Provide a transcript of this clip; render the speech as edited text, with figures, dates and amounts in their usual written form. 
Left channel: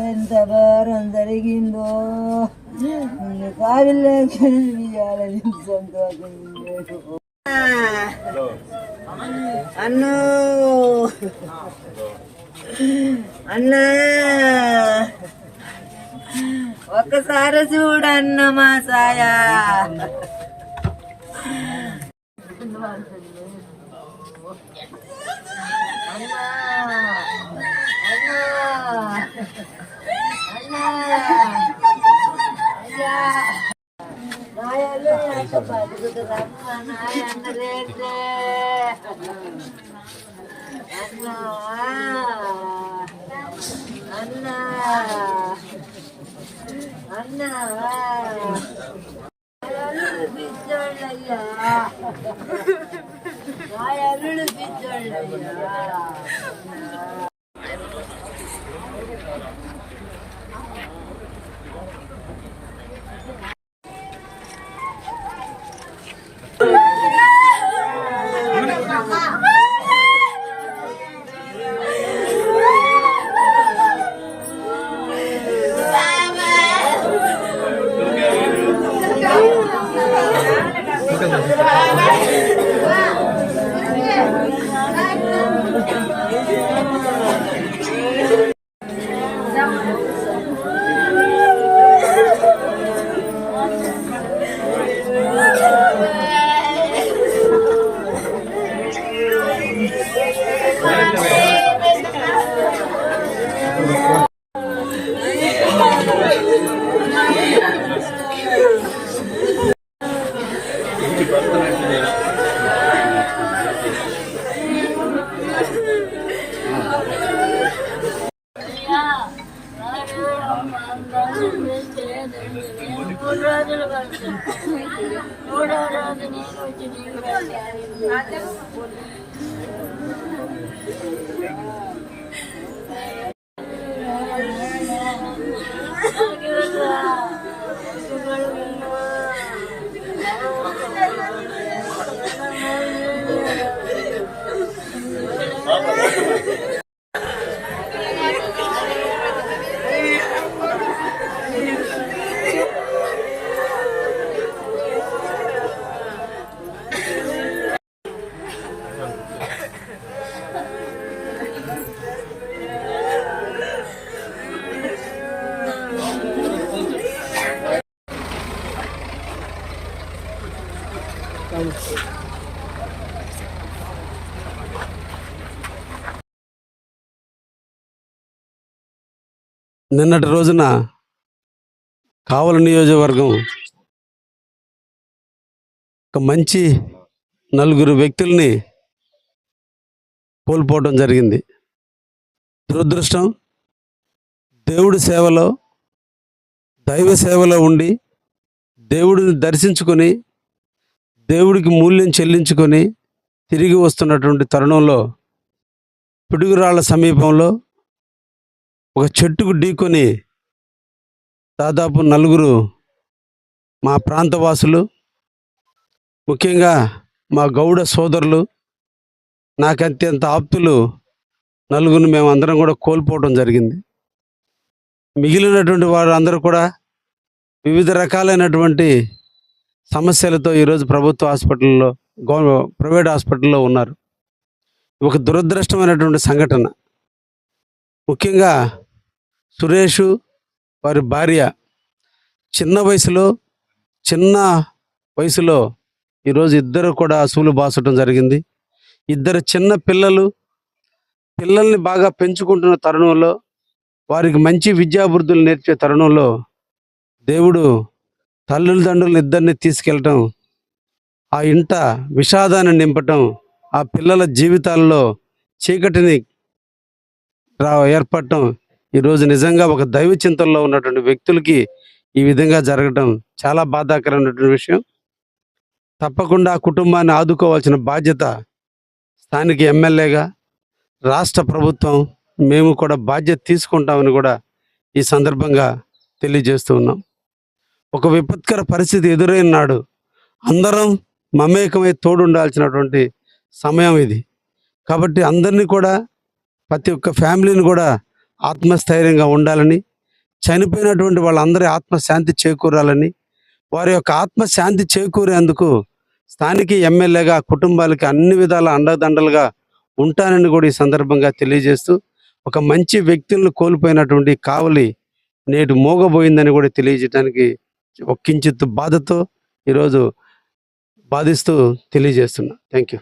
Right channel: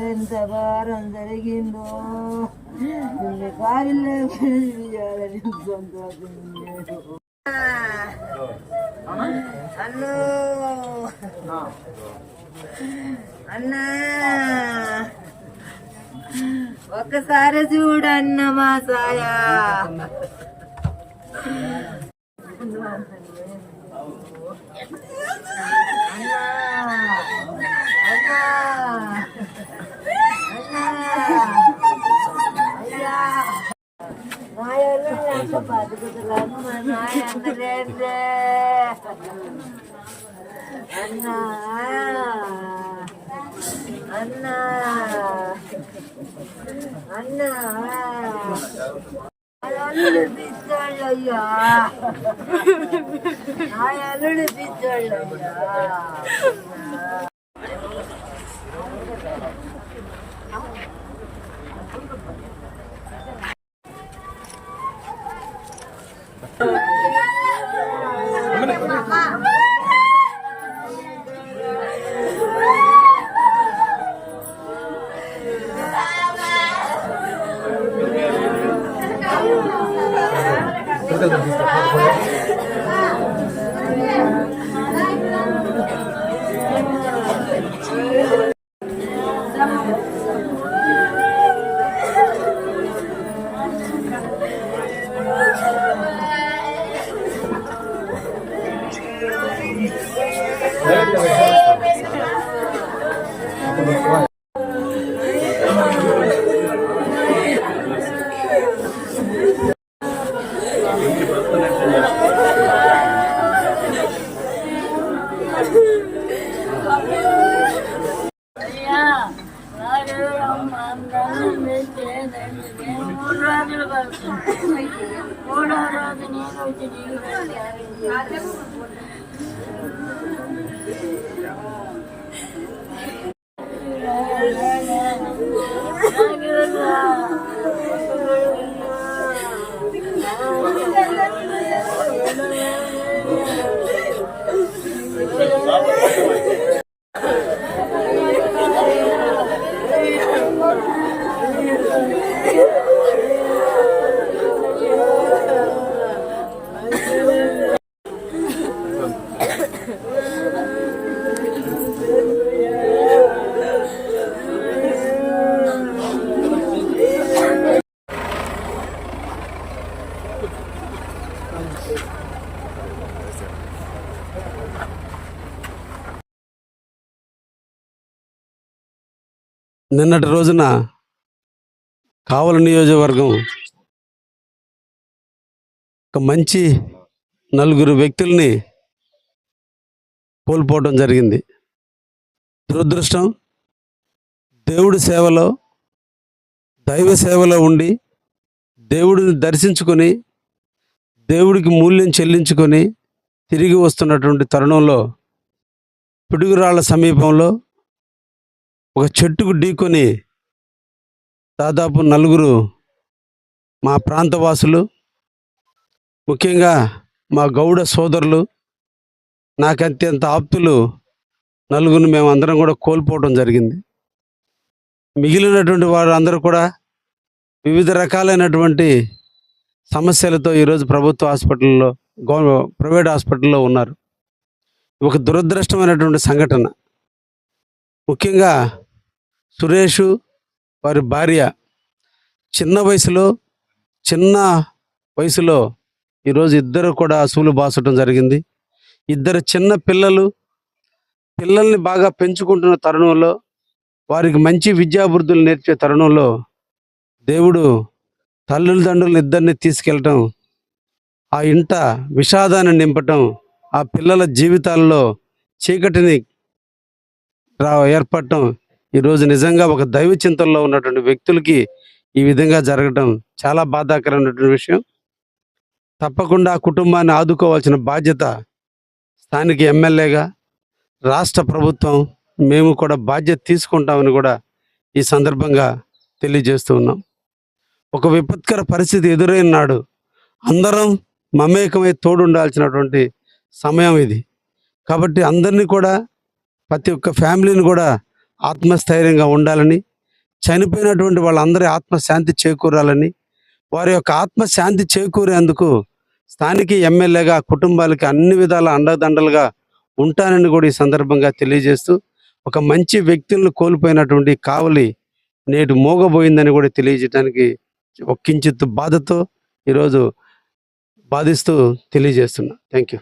ఎంత భారం జరిగిందో కావిలోకి సంతోషం. అన్నో అన్నా ఒక్కసారి చూడన్న మా సాయా. అన్నా అన్నా అయ్యా నాయలు ఎంత బతుకుతురమ్మ నాయ అన్నలేదే. అన్నా అన్నా అన్నా అల్లుడు పిచ్చోళ్ళయ్యా, నా అల్లుడు పిచ్చోళ్ళయ్యా. నిన్నటి రోజున కావలి నియోజకవర్గం ఒక మంచి నలుగురు వ్యక్తుల్ని కోల్పోవడం జరిగింది. దురదృష్టం. దేవుడి సేవలో, దైవ సేవలో ఉండి దేవుడిని దర్శించుకొని దేవుడికి మూల్యం చెల్లించుకొని తిరిగి వస్తున్నటువంటి తరుణంలో పిడుగురాళ్ల సమీపంలో ఒక చెట్టుకు ఢీకొని దాదాపు నలుగురు మా ప్రాంతవాసులు, ముఖ్యంగా మా గౌడ సోదరులు, నాకు అత్యంత ఆప్తులు నలుగురిని మేము అందరం కూడా కోల్పోవడం జరిగింది. మిగిలినటువంటి వారు అందరూ కూడా వివిధ రకాలైనటువంటి సమస్యలతో ఈరోజు ప్రభుత్వ హాస్పిటల్లో, ప్రైవేట్ హాస్పిటల్లో ఉన్నారు. ఒక దురదృష్టమైనటువంటి సంఘటన. ముఖ్యంగా సురేషు వారి భార్య చిన్న వయసులో ఈరోజు ఇద్దరు కూడా అసూలు బాసటం జరిగింది. ఇద్దరు చిన్న పిల్లల్ని బాగా పెంచుకుంటున్న తరుణంలో, వారికి మంచి విద్యాబుద్ధులు నేర్పే తరుణంలో దేవుడు తల్లిదండ్రులను ఇద్దరిని తీసుకెళ్ళటం, ఆ ఇంట విషాదాన్ని నింపటం, ఆ పిల్లల జీవితాల్లో చీకటిని ఏర్పడటం ఈరోజు నిజంగా ఒక దైవ చింతనలో ఉన్నటువంటి వ్యక్తులకి ఈ విధంగా జరగడం చాలా బాధాకరమైనటువంటి విషయం. తప్పకుండా ఆ కుటుంబాన్ని ఆదుకోవాల్సిన బాధ్యత స్థానిక ఎమ్మెల్యేగా రాష్ట్ర ప్రభుత్వం మేము కూడా బాధ్యత తీసుకుంటామని కూడా ఈ సందర్భంగా తెలియజేస్తూ ఉన్నాం. ఒక విపత్కర పరిస్థితి ఎదురైన నాడు అందరం మమేకమై తోడుండాల్సినటువంటి సమయం ఇది. కాబట్టి అందరినీ కూడా, ప్రతి ఒక్క ఫ్యామిలీని కూడా ఆత్మస్థైర్యంగా ఉండాలని, చనిపోయినటువంటి వాళ్ళందరి ఆత్మశాంతి చేకూరాలని, వారి యొక్క ఆత్మశాంతి చేకూరేందుకు స్థానిక ఎమ్మెల్యేగా కుటుంబాలకి అన్ని విధాల అండదండలుగా ఉంటానని కూడా ఈ సందర్భంగా తెలియజేస్తూ, ఒక మంచి వ్యక్తులను కోల్పోయినటువంటి కావలి నేడు మోగబోయిందని కూడా తెలియజేయడానికి ఒక కించిత్ బాధతో ఈరోజు బాధిస్తూ తెలియజేస్తున్నా. Thank you.